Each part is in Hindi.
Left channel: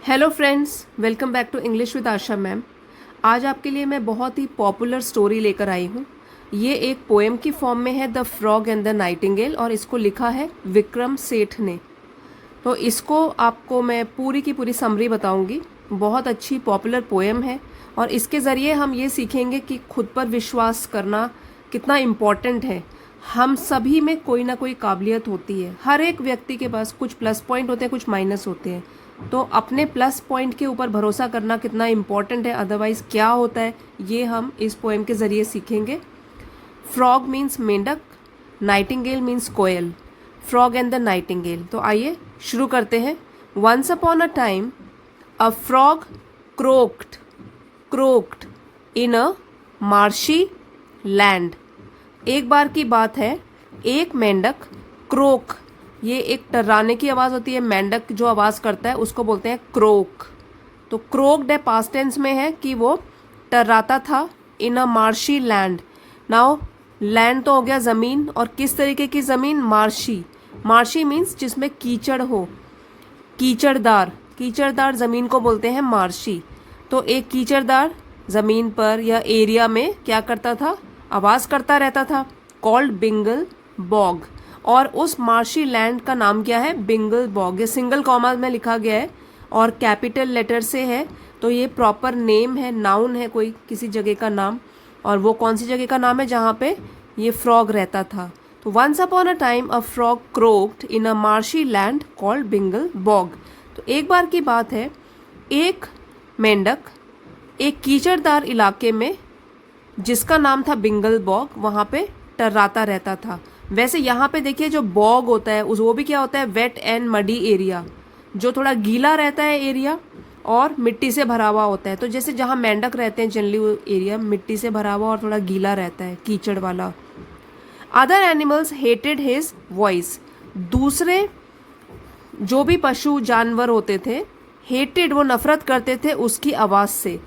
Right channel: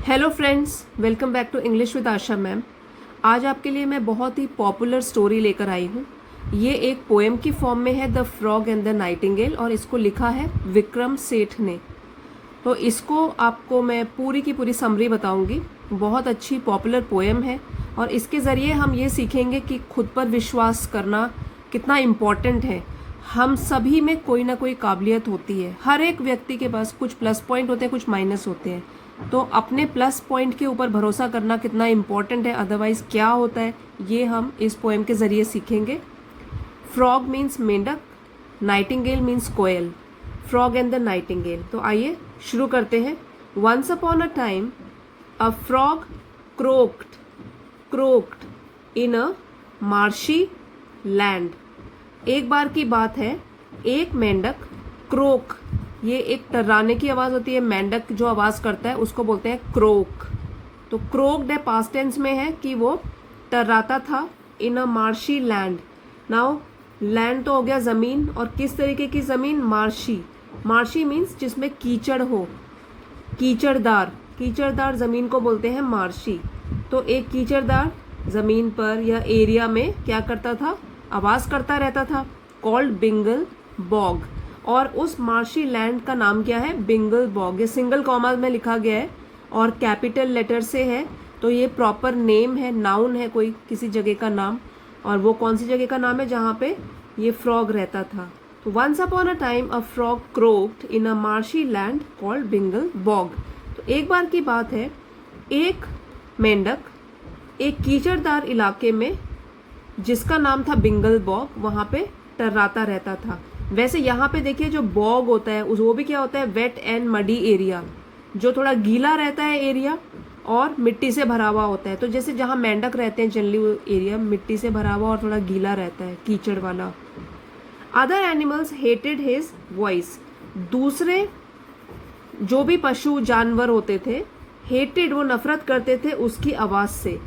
Hello friends, welcome back to English with Asha ma'am. आज आपके लिए मैं बहुत ही पॉपुलर स्टोरी लेकर आई हूँ। ये एक पोएम की फॉर्म में है, the frog and the Nightingale, और इसको लिखा है विक्रम सेठ ने। तो इसको आपको मैं पूरी की पूरी समरी बताऊंगी। बहुत अच्छी पॉपुलर पोएम है और इसके ज़रिए हम ये सीखेंगे कि खुद पर विश्वास करना कितना इम्पॉर्टेंट है। हम सभी में कोई ना कोई काबिलियत होती है। हर एक व्यक्ति के पास कुछ प्लस पॉइंट होते हैं, कुछ माइनस होते हैं। तो अपने प्लस पॉइंट के ऊपर भरोसा करना कितना इम्पॉर्टेंट है, अदरवाइज क्या होता है, ये हम इस पोएम के ज़रिए सीखेंगे। फ्रॉग मीन्स मेंढक, नाइटिंगेल मीन्स कोयल। Frog and the nightingale. तो आइए शुरू करते हैं। Once upon a time a frog croaked croaked in a marshy land. एक बार की बात है, एक मेंढक क्रोक, ये एक टर्राने की आवाज़ होती है। मेंढक जो आवाज़ करता है उसको बोलते हैं क्रोक। तो क्रोक्ड है, पास्ट टेंस में है कि वो टर्राता था। इन a marshy land. Now land तो हो गया ज़मीन, और किस तरीके की ज़मीन? मार्शी। मार्शी मीन्स जिसमें कीचड़ हो, कीचड़दार। कीचड़दार ज़मीन को बोलते हैं मार्शी। तो एक कीचड़दार ज़मीन पर या एरिया में क्या करता था? आवाज़ करता रहता था, कॉल्ड बिंगल बॉग। और उस मार्शी लैंड का नाम क्या है? बिंगल बॉग। ये सिंगल कॉमा में लिखा गया है और कैपिटल लेटर से है, तो ये प्रॉपर नेम है, नाउन है, कोई किसी जगह का नाम। और वो कौन सी जगह का नाम है जहाँ पे ये फ्रॉग रहता था? तो once upon a time a frog croaked in a marshy land called Bingle Bog. तो एक बार की बात है, एक मेंढक एक कीचड़दार इलाके में जिसका नाम था बिंगल बॉग, वहाँ पे टर्राता रहता था। वैसे यहाँ पे देखिए, जो बॉग होता है उस वो भी क्या होता है? वेट एंड मडी एरिया, जो थोड़ा गीला रहता है एरिया और मिट्टी से भरा हुआ होता है। तो जैसे जहाँ मेंढक रहते हैं जनरली, वो एरिया मिट्टी से भरा हुआ और थोड़ा गीला रहता है, कीचड़ वाला। Other animals hated his voice. दूसरे जो भी पशु जानवर होते थे, हेटेड वो नफरत करते थे उसकी आवाज़ से।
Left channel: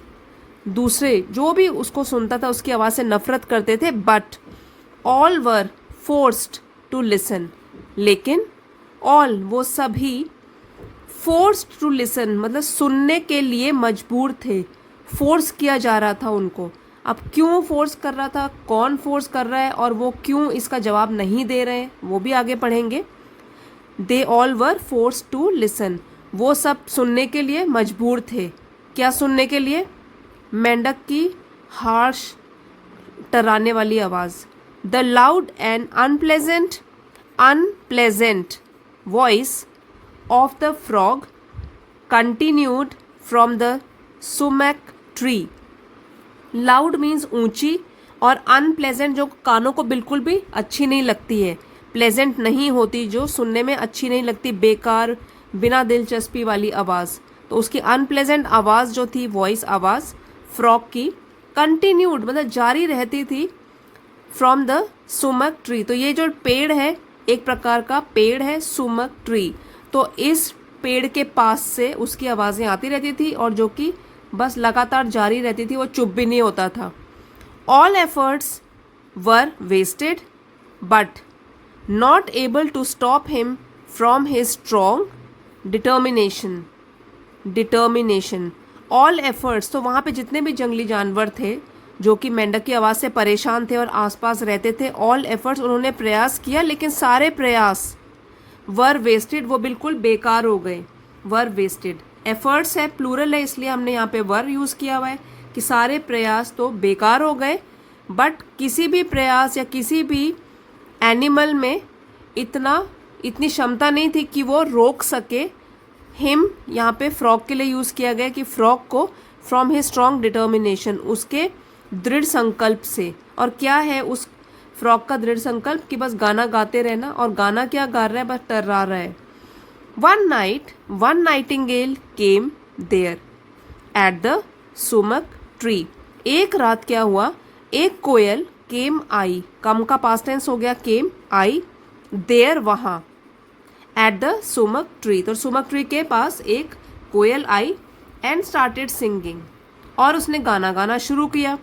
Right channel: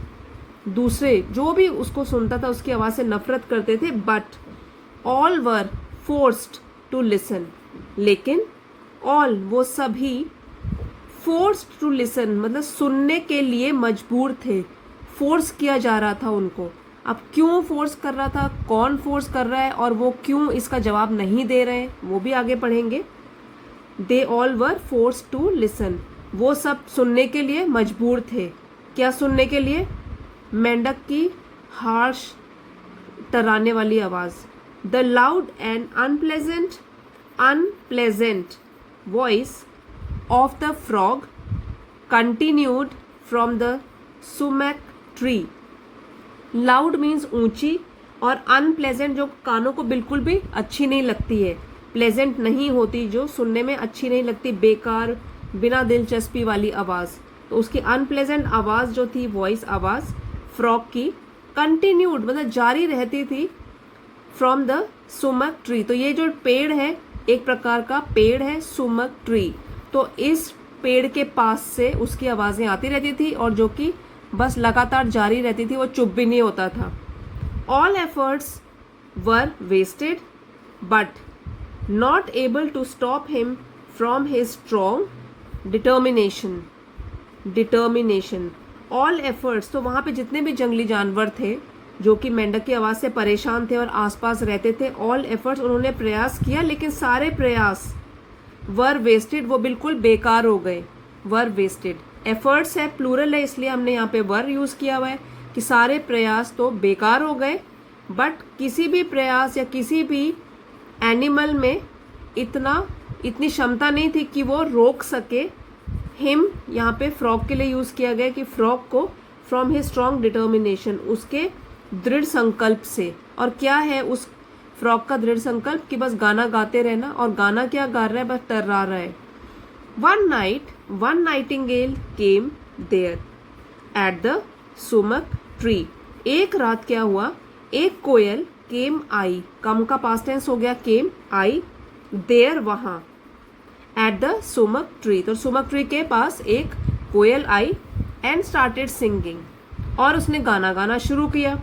दूसरे जो भी उसको सुनता था उसकी आवाज़ से नफरत करते थे। But all were forced to listen. लेकिन ऑल वो सभी, फोर्स्ड टू लिसन मतलब सुनने के लिए मजबूर थे। फोर्स किया जा रहा था उनको। अब क्यों फोर्स कर रहा था, कौन फोर्स कर रहा है, और वो क्यों इसका जवाब नहीं दे रहे हैं, वो भी आगे पढ़ेंगे। They all were force to listen. वो सब सुनने के लिए मजबूर थे। क्या सुनने के लिए? मेंढक की हार्श टर्राने वाली आवाज़। The loud and unpleasant voice of the frog continued from the sumac tree. Loud means ऊंची, और अनप्लेजेंट जो कानों को बिल्कुल भी अच्छी नहीं लगती है, प्लेजेंट नहीं होती, जो सुनने में अच्छी नहीं लगती, बेकार, बिना दिलचस्पी वाली आवाज़। तो उसकी अनप्लेजेंट आवाज़ जो थी, वॉइस आवाज़ फ्रॉग की, कंटिन्यूड मतलब जारी रहती थी, फ्रॉम द सुमक ट्री। तो ये जो पेड़ है, एक प्रकार का पेड़ है सुमक ट्री। तो इस पेड़ के पास से उसकी आवाज़ें आती रहती थी, और जो कि बस लगातार जारी रहती थी, वो चुप भी नहीं होता था। All efforts were wasted but not able to stop him from his strong determination. All efforts, तो वहाँ पे जितने भी जंगली जानवर थे जो कि मेंढक की आवाज़ से परेशान थे और आसपास रहते थे, ऑल एफर्ट्स, उन्होंने प्रयास किया, लेकिन सारे प्रयास वर वेस्टेड, वो बिल्कुल बेकार हो गए। वर वेस्टेड, एफर्ट्स है, प्लूरल है, इसलिए हमने यहाँ पे वर यूज़ किया हुआ है कि सारे प्रयास तो बेकार हो गए। बट किसी भी प्रयास या किसी भी एनिमल में इतनी क्षमता नहीं थी कि वो रोक सके। हिम यहाँ पे फ्रॉग के लिए यूज़ किया गया कि फ्रॉग को फ्रॉम हिज स्ट्रॉन्ग डिटर्मिनेशन, उसके दृढ़ संकल्प से। और क्या है उस फ्रॉग का दृढ़ संकल्प? कि बस गाना गाते रहना। और गाना क्या गा रहा है? बस टर्रा रहा है। One night one nightingale came there at the sumac tree. एक रात क्या हुआ? एक कोयल केम आई, कम का पास्ट टेंस हो गया, केम आई, देयर वहाँ, एट द सुमक ट्री। तो सुमक ट्री के पास एक कोयल आई, एंड स्टार्टेड सिंगिंग, और उसने गाना गाना शुरू किया।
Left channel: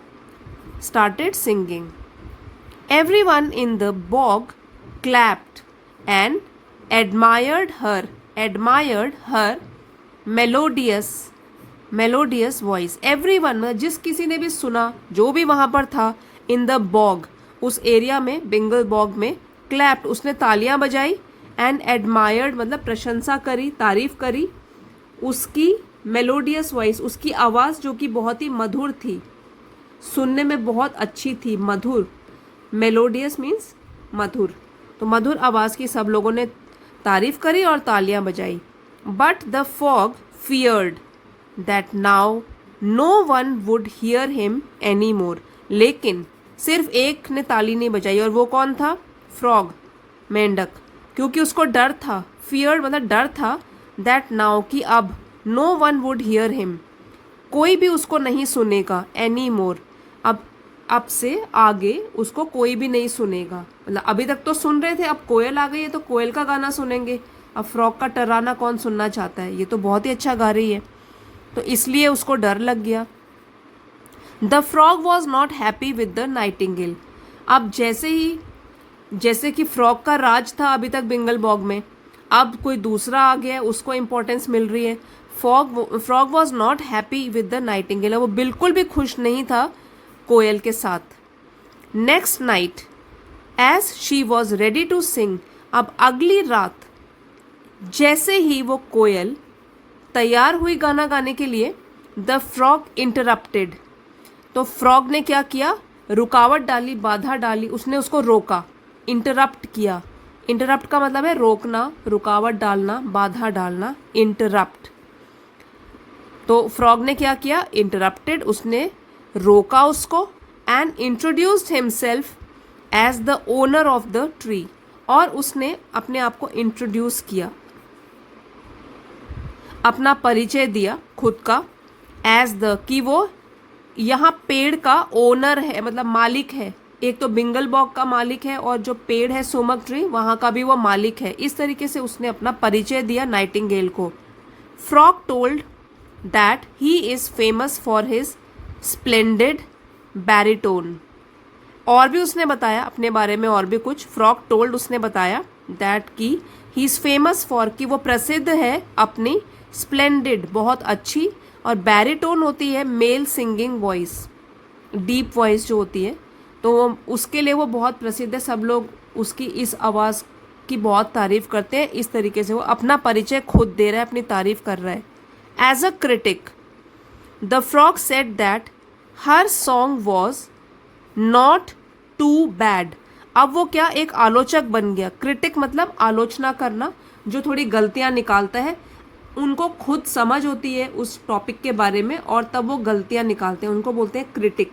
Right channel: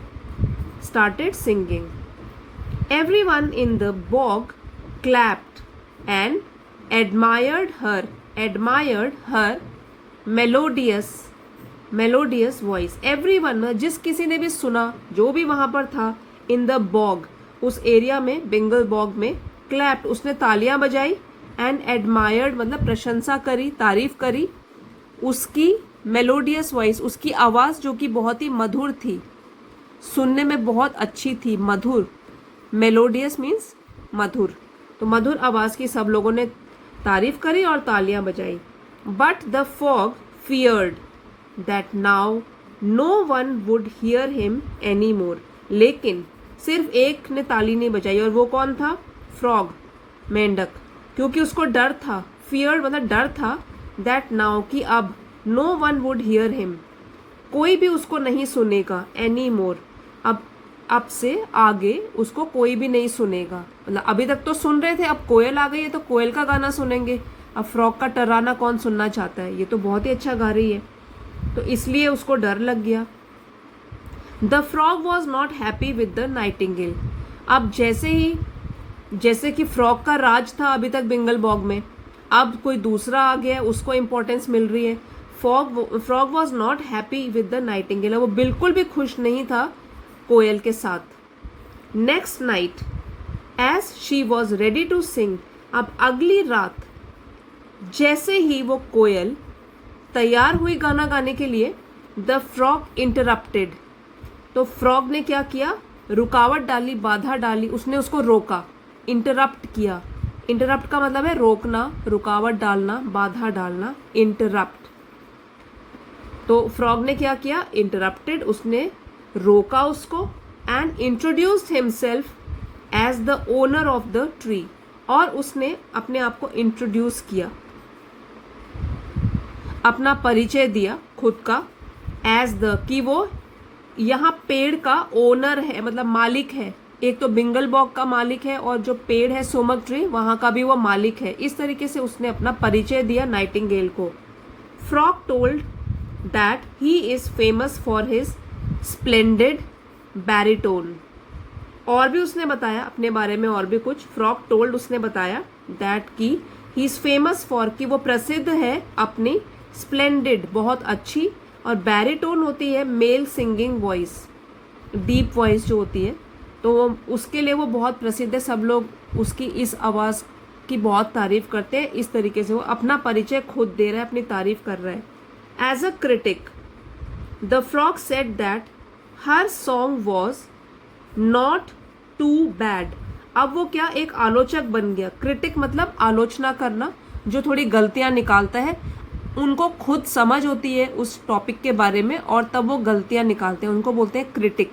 Started singing. Everyone in the bog clapped and admired her melodious voice. Everyone, जिस किसी ने भी सुना, जो भी वहां पर था, इन द बॉग, उस एरिया में, बेंगल बॉग में, क्लैप्ड, उसने तालियां बजाई, एंड एडमायर्ड मतलब प्रशंसा करी, तारीफ करी उसकी मेलोडियस वॉइस, उसकी आवाज जो कि बहुत ही मधुर थी, सुनने में बहुत अच्छी थी, मधुर। मेलोडियस मीन्स मधुर, तो मधुर आवाज की सब लोगों ने तारीफ करी और तालियां बजाई। But the frog feared that now no one would hear him any more. लेकिन सिर्फ एक ने ताली नहीं बजाई, और वो कौन था? फ्रॉग, मेंढक, क्योंकि उसको डर था, फियर्ड मतलब डर था, दैट नाउ कि अब, no one would hear him, कोई भी उसको नहीं सुनेगा, एनी मोर, अब से आगे उसको कोई भी नहीं सुनेगा। मतलब अभी तक तो सुन रहे थे, अब कोयल आ गई है तो कोयल का गाना सुनेंगे, अब फ्रॉग का टर्राना कौन सुनना चाहता है? ये तो बहुत ही अच्छा गा रही है, तो इसलिए उसको डर लग गया। The frog was not happy with the Nightingale. अब जैसे कि फ्रॉग का राज था अभी तक बेंगल बॉग में, अब कोई दूसरा आ गया, उसको इम्पोर्टेंस मिल रही है। Frog was not happy with the nightingale, वो बिल्कुल भी खुश नहीं था कोयल के साथ। Next night as she was ready to sing, अब अगली रात जैसे ही वो कोयल तैयार हुई गाना गाने के लिए, द फ्रॉग इंटरप्टेड, तो फ्रॉग ने क्या किया? रुकावट डाली, बाधा डाली, उसने उसको रोका, इंटरप्ट किया। इंटरप्ट का मतलब है रोकना, रुकावट डालना, बाधा डालना, इंटरप्ट। तो फ्रॉग ने क्या किया? इंटरप्टेड, उसने रोका उसको, and introduced himself as the owner of the tree, और उसने अपने आप को इंट्रोड्यूस किया, अपना परिचय दिया खुद का, एज द, कि वो यहाँ पेड़ का ओनर है, मतलब मालिक है। एक तो बेंगल बॉग का मालिक है, और जो पेड़ है सोमक ट्री, वहां का भी वो मालिक है। इस तरीके से उसने अपना परिचय दिया नाइटिंगेल को। Frog told that he is famous for his splendid baritone, और भी उसने बताया अपने बारे में, और भी कुछ। फ्रॉग टोल्ड, उसने बताया, दैट की ही इज फेमस फॉर, कि वो प्रसिद्ध है अपनी स्प्लेंडेड, बहुत अच्छी, और बैरिटोन होती है male singing voice, deep voice जो होती है, तो उसके लिए वो बहुत प्रसिद्ध है। सब लोग उसकी इस आवाज़ की बहुत तारीफ करते हैं। इस तरीके से वो अपना परिचय खुद दे रहा है, अपनी तारीफ कर रहा है। As a critic the frog said that her song was not too bad. अब वो क्या, एक आलोचक बन गया। क्रिटिक मतलब आलोचना करना, जो थोड़ी गलतियां निकालता है, उनको खुद समझ होती है उस टॉपिक के बारे में, और तब वो गलतियां निकालते हैं, उनको बोलते हैं क्रिटिक।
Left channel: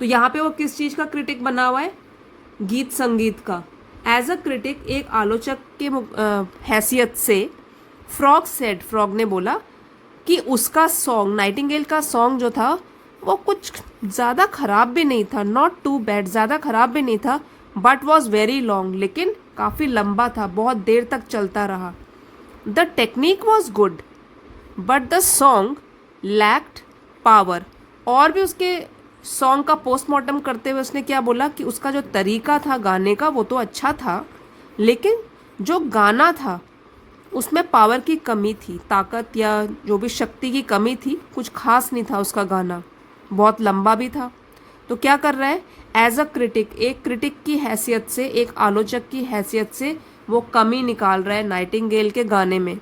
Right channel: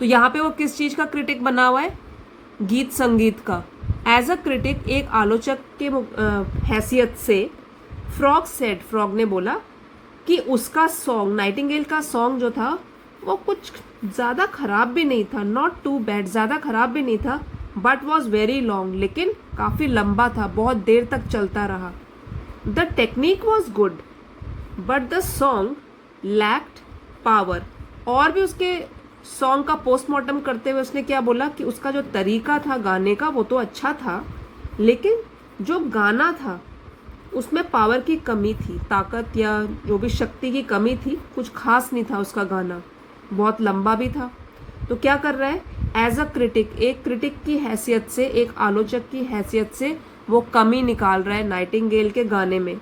तो यहाँ पे वो किस चीज़ का क्रिटिक बना हुआ है? गीत संगीत का। एज अ क्रिटिक, एक आलोचक की हैसियत से, फ्रॉग सेड, फ्रॉग ने बोला कि उसका सॉन्ग, नाइटिंगेल का सॉन्ग जो था, वो कुछ ज़्यादा खराब भी नहीं था, नॉट टू बैड, ज़्यादा खराब भी नहीं था, बट वॉज वेरी लॉन्ग, लेकिन काफ़ी लंबा था, बहुत देर तक चलता रहा। The technique was good but the song lacked power, और भी उसके सॉन्ग का पोस्टमार्टम करते हुए उसने क्या बोला कि उसका जो तरीका था गाने का वो तो अच्छा था, लेकिन जो गाना था उसमें पावर की कमी थी, ताकत या जो भी शक्ति की कमी थी, कुछ खास नहीं था उसका गाना, बहुत लंबा भी था। तो क्या कर रहा है? एज अ क्रिटिक, एक क्रिटिक की हैसियत से, एक आलोचक की हैसियत से वो कमी निकाल रहा है नाइटिंगेल के गाने में।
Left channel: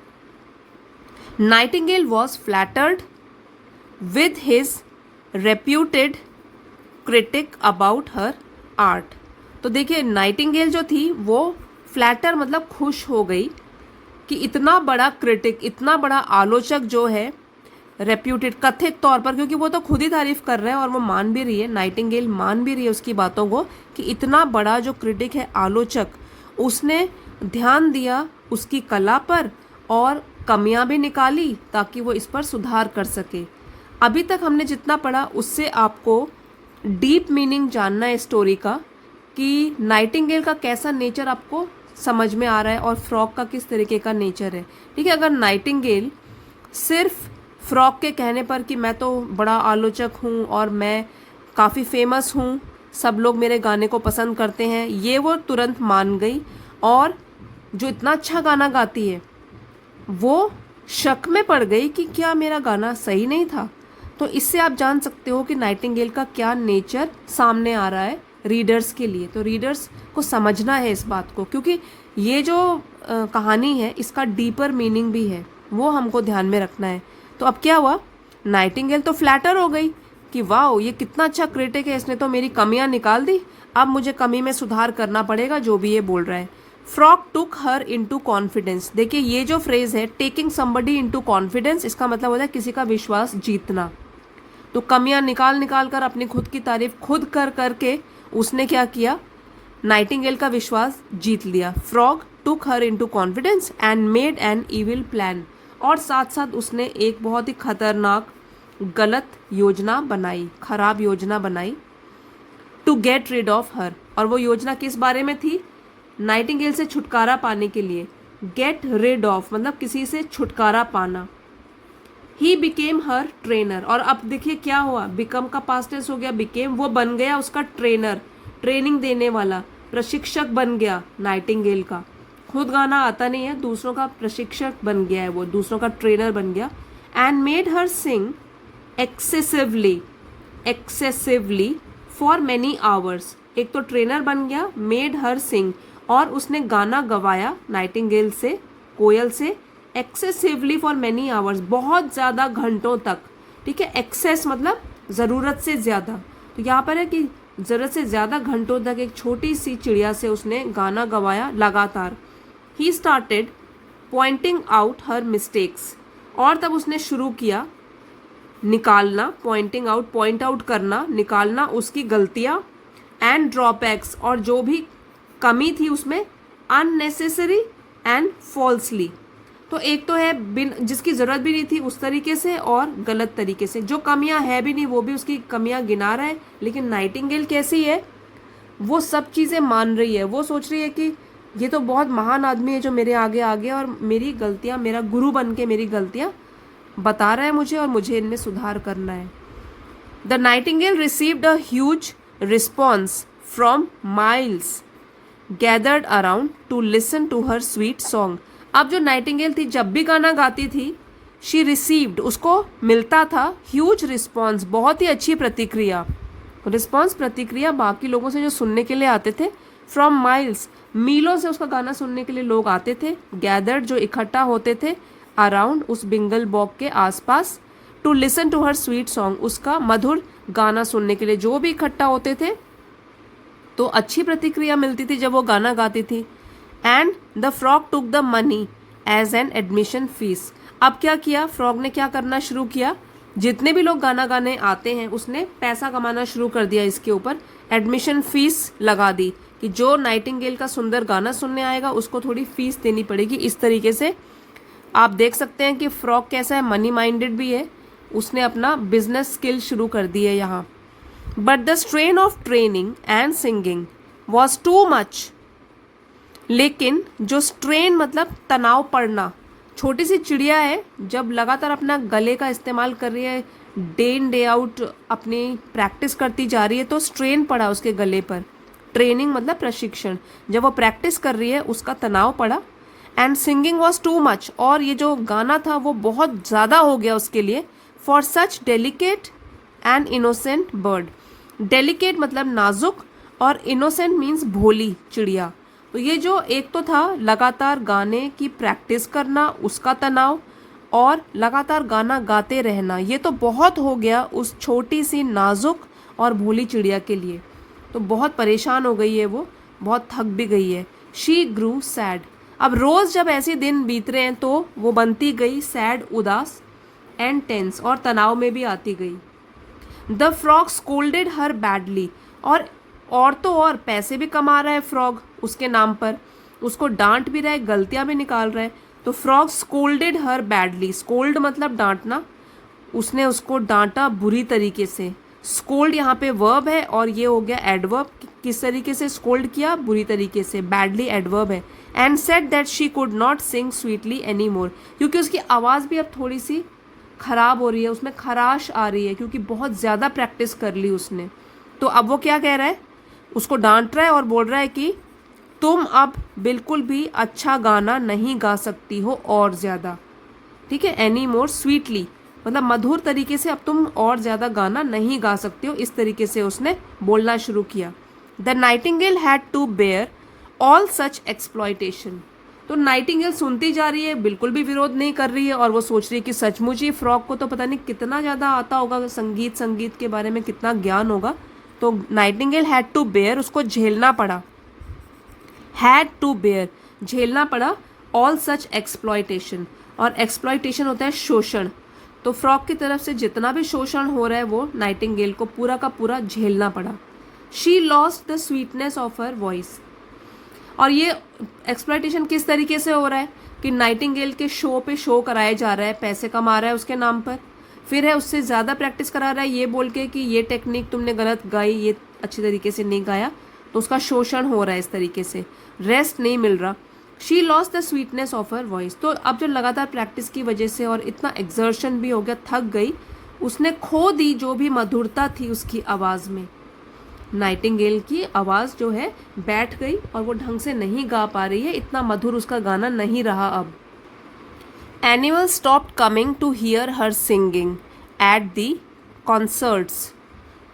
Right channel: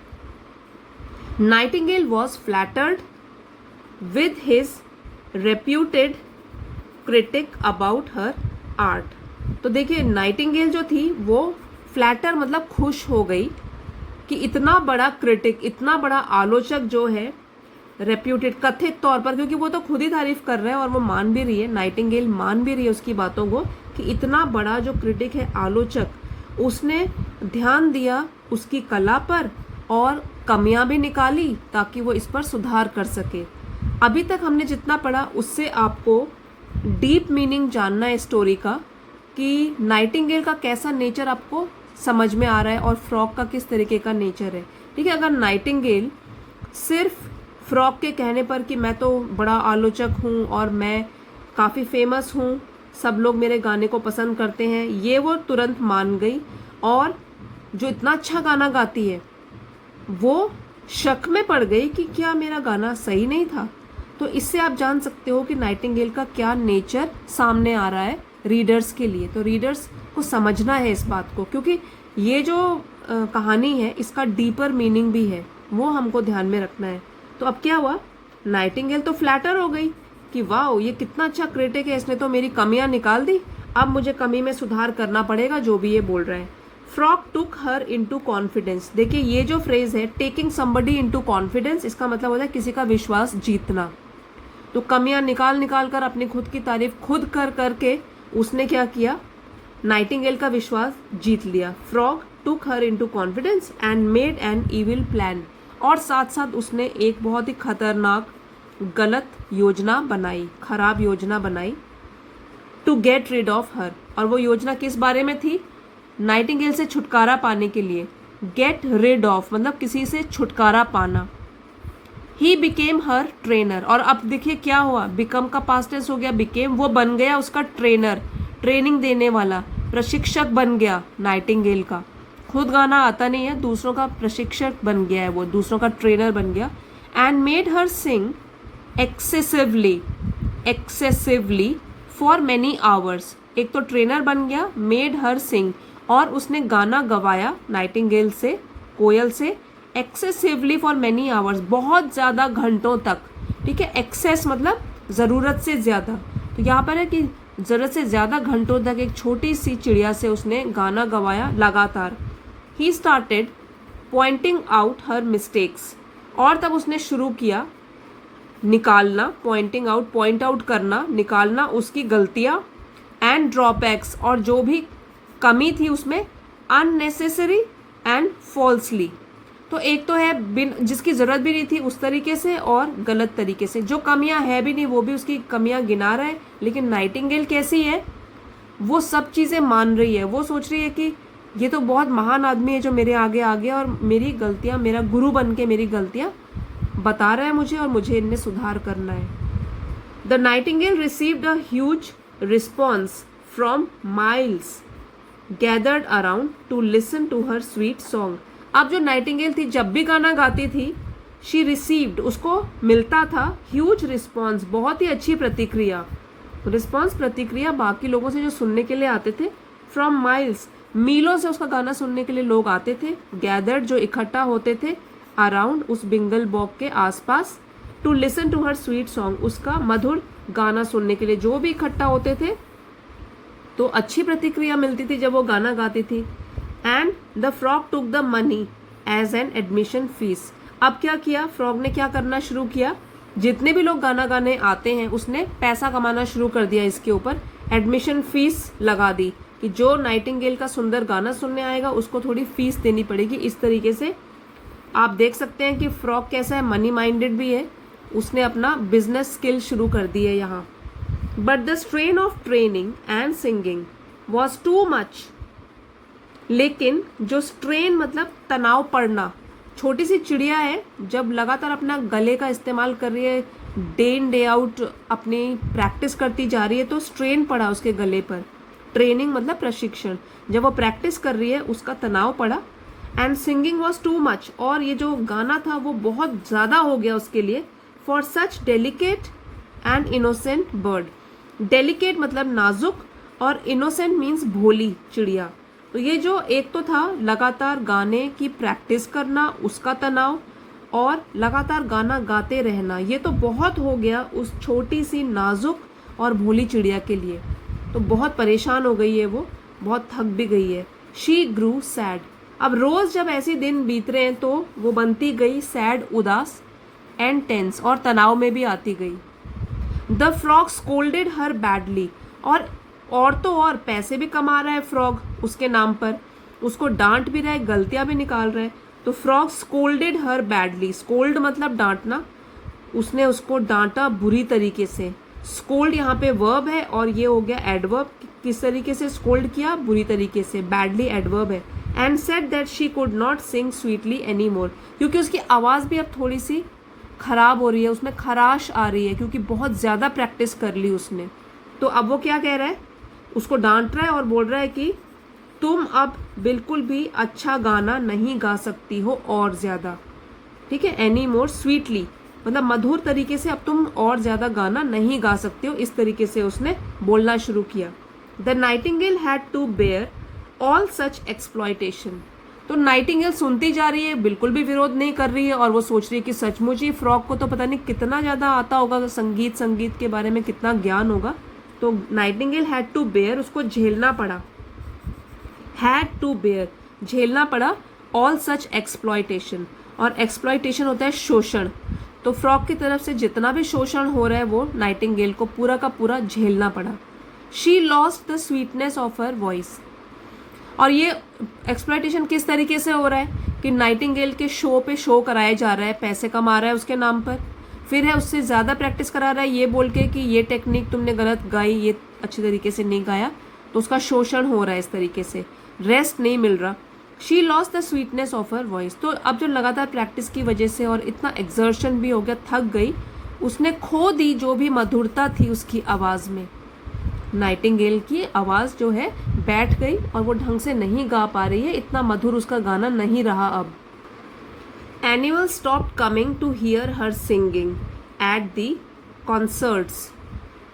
Nightingale was flattered with his reputed critic about her art. तो देखिए, नाइटिंगेल जो थी वो फ्लैटर मतलब खुश हो गई कि इतना बड़ा क्रिटिक, इतना बड़ा आलोचक जो है, रेप्यूटेड कथित तौर पर, क्योंकि वो तो खुद ही तारीफ कर रहा है और वो मान भी रही है, नाइटिंगेल मान भी रही है उसकी बातों को, कि इतना बड़ा जो क्रिटिक है, आलोचक, उसने ध्यान दिया उसकी कला पर और कमियां भी निकाली ताकि वो इस पर सुधार कर सके। अभी तक हमने जितना पढ़ा उससे आपको डीप मीनिंग जानना है स्टोरी का, कि नाइटिंगेल का कैसा नेचर आपको समझ में आ रहा है और फ्रॉग का किस तरीके का नेचर है। ठीक है, अगर नाइटिंगेल सिर्फ फ्रॉग के कहने पर कि मैं तो बड़ा आलोचक हूँ और मैं काफ़ी फेमस हूँ, सब लोग मेरे गाने को पसंद करते हैं, ये वो तुरंत मान गई, और जो इतना अच्छा गाना गाती है वो शक में पड़ गई कि क्या मेरा गाना सही नहीं था। तो इससे आप जान सकते हो कि नाइटिंगेल का क्या नेचर सामने आ रहा है रीडर्स के लिए। तो रीडर्स को समझना है इस बात को, क्योंकि ये जो कहानी है इसका डीपर मीनिंग भी है, वो हमको ध्यान में रखना है। तो अब क्या हुआ, नाइटिंगेल तो फ्लैटर हो गई कि वाह ये कितना अच्छा क्रिटिक है, इसने तो मेरी कमियां निकाल दी, अब मुझे कमी में सुधार करना पड़ेगा जो भी ये बोल रहा है। फ्रॉग टुक हर इनटू कॉन्फिडेंस। देखिए ये जो फ्रेज है टेकिंग समबडी इनटू कॉन्फिडेंस, इसका मतलब होता है किसी का विश्वास जीतना। तो कमियां निकाल निकाल कर अपनी खुद की तारीफ खुद कर करके उसने क्या किया, नाइटिंगेल का विश्वास जीत लिया। Frog took her into confidence and made an evil plan. और साथ साथ उसने एक बहुत ही खतरनाक गलत योजना बनाई, खराब योजना बनाई, to get rid of her. और वो योजना किस बारे में थी, नाइटिंगेल से छुटकारा पाने के लिए। गेट रिड ऑफ मतलब किसी से छुटकारा पाना। He became her trainer. और अब देखिए क्या हुआ, बिकम का पास्ट टेंस हो गया, बिकेम वो बन गया उसका ट्रेनर, ट्रेनिंग देने वाला, प्रशिक्षक बन गया नाइटिंगेल का। खुद गाना आता नहीं है, दूसरों का प्रशिक्षक बन गया है, वो दूसरों का ट्रेनर बन गया। And made her sing excessively for many hours. एक तो ट्रेनर बन गया, मेड हर सिंग, और उसने गाना गवाया नाइटिंगेल से, कोयल से, एक्सेसिवली फॉर मैनी आवर्स, बहुत ज़्यादा घंटों तक। ठीक है, एक्सेस मतलब ज़रूरत से ज़्यादा। तो यहाँ पर है कि ज़रूरत से ज़्यादा घंटों तक एक छोटी सी चिड़िया से उसने गाना गवाया लगातार। He started pointing out her mistakes. और तब उसने शुरू किया निकालना, पॉइंटिंग आउट, पॉइंट आउट करना, निकालना उसकी गलतियाँ, एंड ड्रॉबैक्स, और जो भी कमी थी उसमें, अननेसेसरी एंड फॉल्सली। तो एक तो है बिन जिसकी ज़रूरत भी नहीं थी उस तरीके से, और गलत तरीके से। जो कमियां है भी नहीं वो भी उसकी कमियां गिना रहा है। लेकिन नाइटिंगेल कैसी है, वो सब चीज़ें मान रही है, वो सोच रही है कि ये तो बहुत महान आदमी है जो मेरे आगे आ गया और मेरी गलतियां, मेरा गुरु बन के मेरी गलतियां बता रहा है मुझे और मुझे इनमें सुधार करना है। The nightingale received a huge response from miles gathered around to listen to her sweet song. अब जो नाइटिंगेल थी जब भी गाना गाती थी, शी रिसीव्ड, उसको मिलता था, ह्यूज रिस्पॉन्स, बहुत ही अच्छी प्रतिक्रिया। रिस्पॉन्स प्रतिक्रिया बाकी लोगों से जो सुनने के लिए आते थे, फ्रॉम माइल्स, मीलों से उसका गाना सुनने के लिए लोग आते थे। गैदर्ड जो इकट्ठा होते थे, अराउंड उस बिंगल बॉक के आसपास, to listen to her sweet song, उसका मधुर गाना सुनने के लिए जो भी इकट्ठा होते थे। तो अच्छी प्रतिक्रिया मिलती थी जब वो गाना गाती थी। And the frog took the money as an admission fee. अब क्या किया, फ्रॉग ने क्या करना शुरू किया, जितने भी लोग गाना गाने आते हैं उसने पैसा कमाना शुरू कर दिया, इसके ऊपर एडमिशन फीस लगा दी कि जो नाइटिंगेल का सुंदर गाना सुनने आएगा उसको थोड़ी फीस देनी पड़ेगी। इस तरीके से आप देख सकते हैं कि फ्रॉग कैसा है, मनी माइंडेड भी है, उसने अपना बिजनेस स्किल शुरू कर दी है यहाँ। But the strain of training and singing was too much. लेकिन जो स्ट्रेन मतलब तनाव पड़ना, छोटी सी चिड़िया है, जब लगातार अपना गले का इस्तेमाल कर रही है, डे इन डे आउट अपनी प्रैक्टिस करती जा रही है, तो स्ट्रेन पड़ा उसके गले पर। ट्रेनिंग मतलब प्रशिक्षण, जब वो प्रैक्टिस कर रही है उसका तनाव पड़ा। And singing was too much, और ये जो गाना था वो बहुत ज़्यादा हो गया उसके लिए, for such delicate and innocent bird. Delicate मतलब नाजुक, और इनोसेंट मीन्स भोली चिड़िया। तो ये जो एक तो था लगातार गाने की प्रैक्टिस करना, उसका तनाव, और लगातार गाना गाते रहना, ये तो बहुत हो गया उस छोटी सी नाजुक और भोली चिड़िया के लिए। तो बहुत परेशान हो गई है वो, बहुत थक भी गई है। She Guru sad. अब रोज़ जब ऐसे दिन बीत रहे हैं तो वो बनती गई सैड, उदास, एंड टेंस, और तनाव में भी आती गई। The frog scolded her badly. और तो और पैसे भी कमा रहा है फ्रॉग उसके नाम पर, उसको डांट भी रहा है, गलतियां भी निकाल रहा है। तो फ्रॉग स्कोल्डेड हर बैडली, स्कोल्ड मतलब डांटना, उसने उसको डांटा बुरी तरीके से। स्कोल्ड यहाँ पे वर्ब है और ये हो गया एडवर्ब, किस तरीके से स्कोल्ड किया, बुरी तरीके से, बैडली एडवर्ब है। And said that she could not sing sweetly any more, क्योंकि उसकी आवाज़ भी अब थोड़ी सी खराब हो रही है, उसमें खराश आ रही है, क्योंकि बहुत ज़्यादा प्रैक्टिस कर ली उसने। तो अब वो क्या कह रहा है, उसको डांट रहा है और बोल रहा है कि तुम अब बिल्कुल भी अच्छा गाना नहीं गा सकती हो और ज़्यादा। ठीक है, एनी मोर स्वीटली मतलब मधुर तरीके से अब तुम और ज्यादा गाना नहीं गा सकते हो, इस तरीके से उसने बोलना शुरू किया। The nightingale had to bear all such exploitation. तो नाइटिंगेल सुनती जा रही है, बिल्कुल भी विरोध नहीं कर रही है, और वो सोच रही है कि सचमुच ही फ्रॉग को तो पता नहीं कितना ज़्यादा आता होगा, संगीत के बारे में कितना ज्ञान होगा। तो नाइटिंगेल हैड टू बेयर, उसको झेलना पड़ा, हैड टू बेयर झेलना पड़ा, ऑल सच एक्सप्लॉयटेशन, और एक्सप्लॉयटेशन होता है शोषण। तो फ्रॉग की तरफ से जितना भी शोषण हो रहा है वो नाइटिंगेल को पूरा का पूरा झेलना पड़ा। She lost the sweetness of her voice. और ये एक्सप्लॉयटेशन किस तरीके से हो रहा है कि नाइटिंगेल के शो पे शो कराया जा रहा है, पैसे कमा रहा है उसके नाम पर, फिर है उससे ज़्यादा प्रैक्टिस करा रहा है ये बोल के कि ये टेक्निक तुमने गलत गाई, ये अच्छी तरीके से नहीं गाया, तो उसका शोषण हो रहा है इस तरीके से, रेस्ट नहीं मिल रहा। She lost the sweetness of her voice. तो अब जो लगातार प्रैक्टिस की वजह से और इतना एक्सर्शन भी हो गया, थक गई, उसने खो दी जो भी मधुरता थी उसकी आवाज़ में। नाइटिंगेल की आवाज़ जो है बैठ गई और वो ढंग से नहीं गा पा रही है, इतना मधुर उसका गाना नहीं रहा अब। Animals stopped coming to hear her singing at the concerts.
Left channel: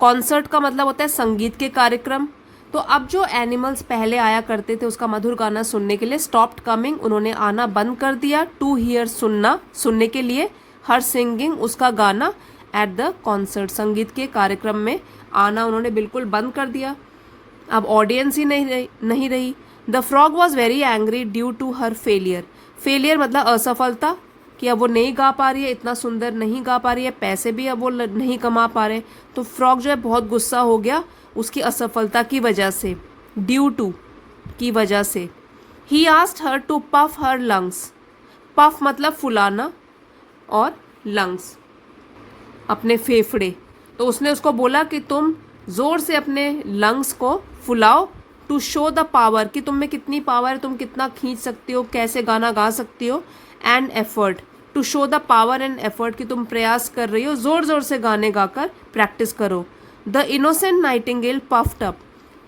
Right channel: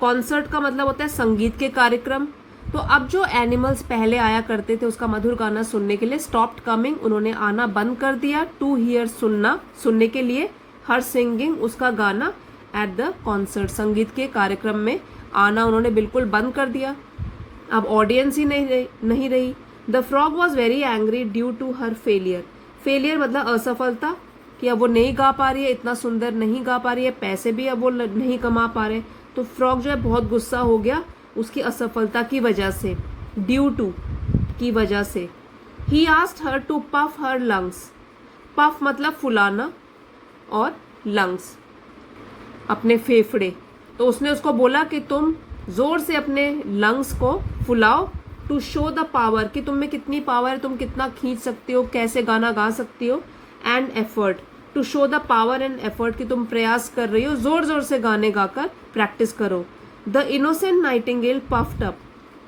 Concert का मतलब होता है संगीत के कार्यक्रम। तो अब जो एनिमल्स पहले आया करते थे उसका मधुर गाना सुनने के लिए, स्टॉप्ड कमिंग उन्होंने आना बंद कर दिया, टू हियर सुनने के लिए, हर सिंगिंग उसका गाना, एट द कॉन्सर्ट संगीत के कार्यक्रम में आना उन्होंने बिल्कुल बंद कर दिया। अब ऑडियंस ही नहीं रही। The frog was very angry due to her failure. Failure मतलब असफलता, कि अब वो नहीं गा पा रही है, इतना सुंदर नहीं गा पा रही है, पैसे भी अब वो नहीं कमा पा रहे। तो फ्रॉग जो है बहुत गुस्सा हो गया उसकी असफलता की वजह से, ड्यू टू की वजह से। He asked her to puff her lungs. Puff मतलब फुलाना और लंग्स अपने फेफड़े। तो उसने उसको बोला कि तुम जोर से अपने लंग्स को फुलाओ, टू शो द पावर, कि तुम में कितनी पावर है, तुम कितना खींच सकती हो, कैसे गाना गा सकती हो, and effort, to show the power and effort, कि तुम प्रयास कर रही हो, जोर जोर से गाने गाकर प्रैक्टिस करो। The innocent Nightingale puffed up.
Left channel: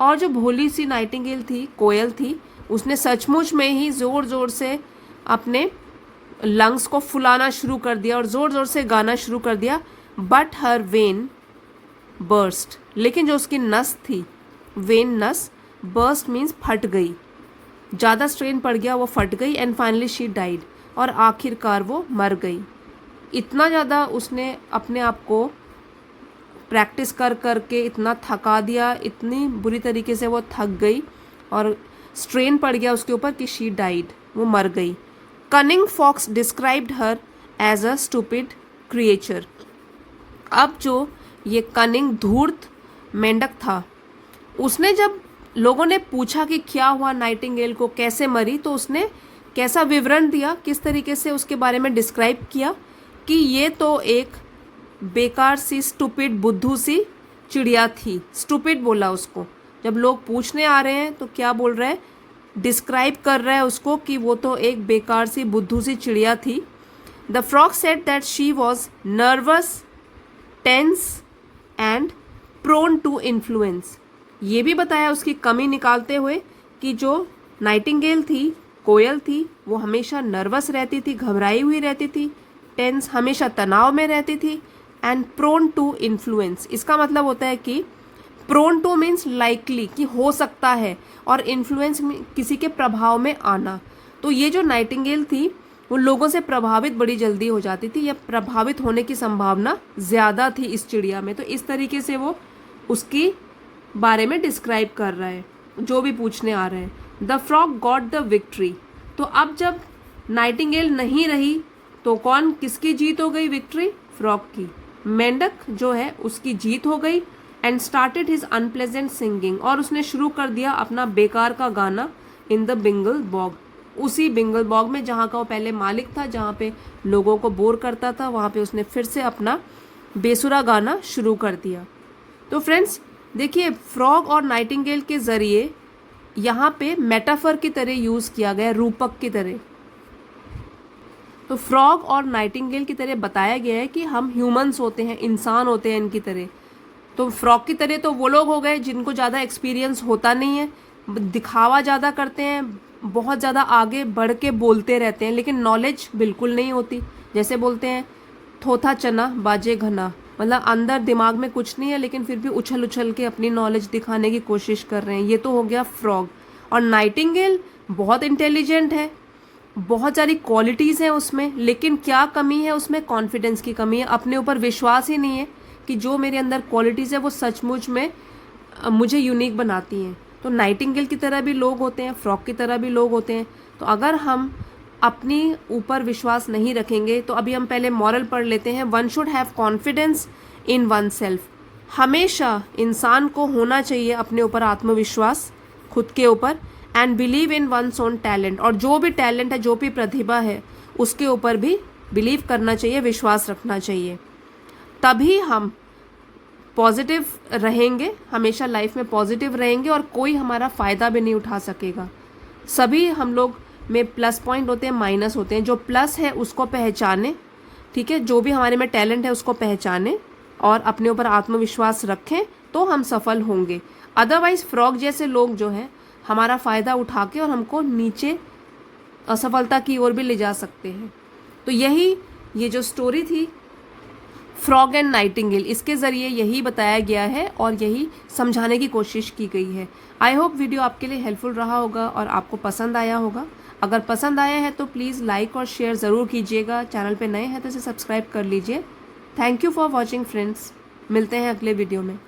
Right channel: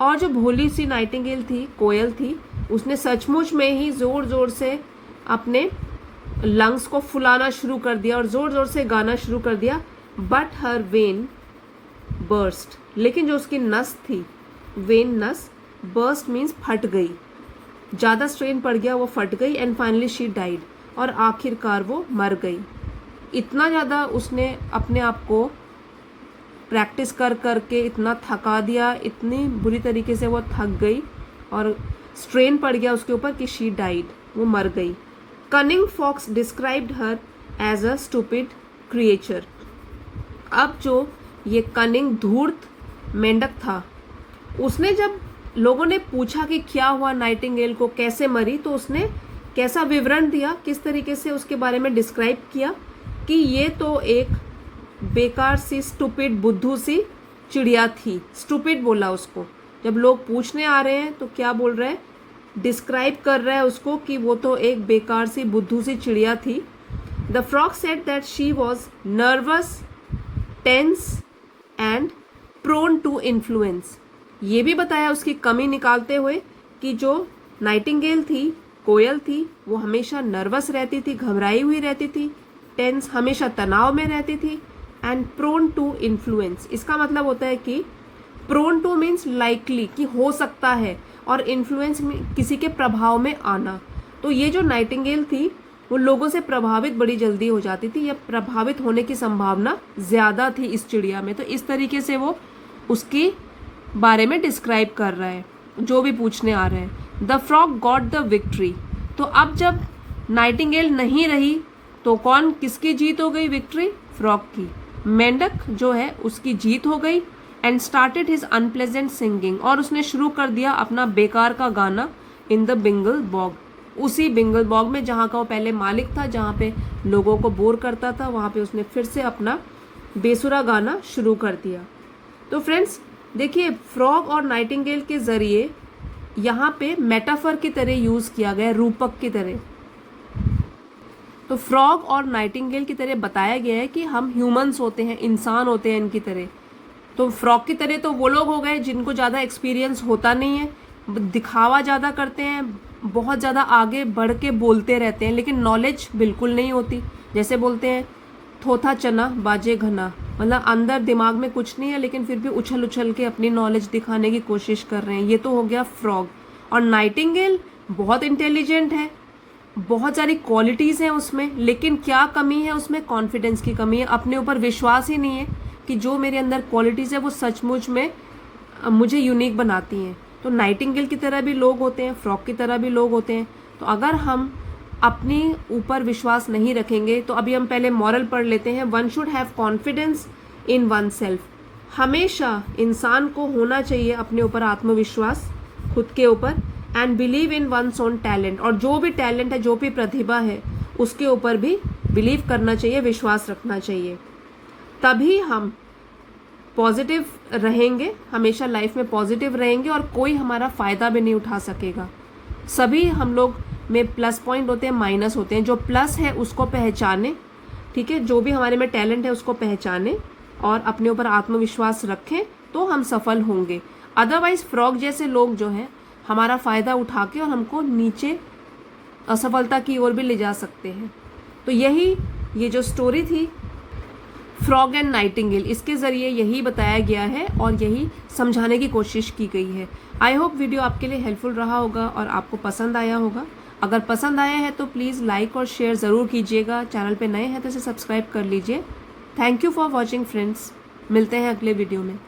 और जो भोली सी नाइटिंगेल थी, कोयल थी, उसने सचमुच में ही जोर जोर से अपने लंग्स को फुलाना शुरू कर दिया और जोर जोर से गाना शुरू कर दिया। बट हर वेन बर्स्ट, लेकिन जो उसकी नस थी, वेन नस, बर्स्ट मीन्स फट गई, ज़्यादा स्ट्रेन पड़ गया, वो फट गई, एंड फाइनली शी डाइड, और आखिरकार वो मर गई। इतना ज़्यादा उसने अपने आप को प्रैक्टिस कर करके इतना थका दिया, इतनी बुरी तरीके से वो थक गई और स्ट्रेन पड़ गया उसके ऊपर कि शी डाइड, वो मर गई। Cunning fox described her as a stupid creature. अब जो ये कनिंग धूर्त मेंढक था, उसने जब लोगों ने पूछा कि क्या हुआ नाइटिंगेल को, कैसे मरी, तो उसने कैसा विवरण दिया, किस तरीके से उसके बारे में डिस्क्राइब किया कि ये तो एक बेकार सी, स्टूपिड, बुद्धू सी चिड़िया थी। स्टूपिड बोला उसको, जब लोग पूछने आ रहे हैं तो क्या बोल रहा है, डिस्क्राइब कर रहा है उसको कि वो तो एक बेकार सी, बुद्धू सी चिड़िया थी। The frog said that she was nervous, tense and prone to influence. ये भी बताया उसकी कमी निकालते हुए कि जो नाइटिंगेल थी, कोयल थी, वो हमेशा नर्वस रहती थी, घबराई हुई रहती थी, टेंस हमेशा तनाव में रहती थी, एंड प्रोन टू इन्फ्लुएंस, इसका मतलब होता है कि प्रोन टू मीन्स लाइकली, कि हो सकता है, और इन्फ्लुएंस किसी के प्रभाव में आना। तो ये जो नाइटिंगेल थी वो लोगों से प्रभावित बड़ी जल्दी हो जाती थी, या प्रभावित होने की संभावना ज़्यादा थी इस चिड़िया में। तो इस तरीके से वो उसकी बारे में डिस्क्राइब कर रहा है जो भी पूछने आ रहे हैं। The frog got the victory. तो अब जब नाइटिंगेल नहीं रही तो कौन, किसकी जीत हो गई, विक्ट्री फ्रॉग की, मेंढक जो है उसकी जीत हो गई। And started his unpleasant singing, और उसने शुरू कर दिया अपना बेकार का गाना, इन द बिंगल बॉग, उसी बिंगल बॉग में जहाँ का वो पहले मालिक था, जहाँ पे लोगों को बोर करता था, वहाँ पे उसने फिर से अपना बेसुरा गाना शुरू कर दिया। तो फ्रेंड्स देखिए, फ्रॉग और नाइटिंगेल के ज़रिए यहाँ पे मेटाफर की तरह यूज़ किया गया, रूपक की तरह। तो फ्रॉग और नाइटिंगेल की तरह बताया गया है कि हम ह्यूमंस होते हैं, इंसान होते हैं इनकी तरह। तो फ्रॉग की तरह तो वो लोग हो गए जिनको ज़्यादा एक्सपीरियंस होता नहीं है, दिखावा ज़्यादा करते हैं, बहुत ज़्यादा आगे बढ़ के बोलते रहते हैं लेकिन नॉलेज बिल्कुल नहीं होती। जैसे बोलते हैं थोथा चना बाजे घना, मतलब अंदर दिमाग में कुछ नहीं है लेकिन फिर भी उछल उछल के अपनी नॉलेज दिखाने की कोशिश कर रहे हैं। ये तो हो गया फ्रॉग। और नाइटिंगेल बहुत इंटेलिजेंट है, बहुत सारी क्वालिटीज़ हैं उसमें, लेकिन क्या कमी है उसमें? कॉन्फिडेंस की कमी है। अपने ऊपर विश्वास ही नहीं है कि जो मेरे अंदर क्वालिटीज़ है वो सचमुच में मुझे यूनिक बनाती हैं। तो नाइटिंगेल की तरह भी लोग होते हैं, फ्रॉग की तरह भी लोग होते हैं। तो अगर हम अपनी ऊपर विश्वास नहीं रखेंगे तो अभी हम पहले मॉरल पढ़ लेते हैं। One should have confidence in one self. हमेशा इंसान को होना चाहिए अपने ऊपर आत्मविश्वास, खुद के ऊपर। And believe in one's own talent, और जो भी टैलेंट है, जो भी प्रतिभा है, उसके ऊपर भी बिलीव करना चाहिए, विश्वास रखना चाहिए। तभी हम पॉजिटिव रहेंगे, हमेशा लाइफ में पॉजिटिव रहेंगे और कोई हमारा फ़ायदा भी नहीं उठा सकेगा। सभी हम लोग में प्लस पॉइंट होते हैं, माइनस होते हैं। जो प्लस है उसको पहचाने, ठीक है, जो भी हमारे में टैलेंट है उसको पहचाने और अपने ऊपर आत्मविश्वास रखें तो हम सफल होंगे। अदरवाइज फ्रॉग जैसे लोग जो हैं हमारा फ़ायदा उठा के और हमको नीचे असफलता की ओर भी ले जा सकते हैं। तो ये जो स्टोरी थी फ्रॉग एंड नाइटिंगेल, इसके ज़रिए यही बताया गया है और यही समझाने की कोशिश की गई है। आई होप वीडियो आपके लिए हेल्पफुल रहा होगा और आपको पसंद आया होगा। अगर पसंद आया है तो प्लीज़ लाइक और शेयर ज़रूर कीजिएगा। चैनल पे नए हैं तो इसे सब्सक्राइब कर लीजिए। Thank you for watching friends. मिलते हैं अगले वीडियो में।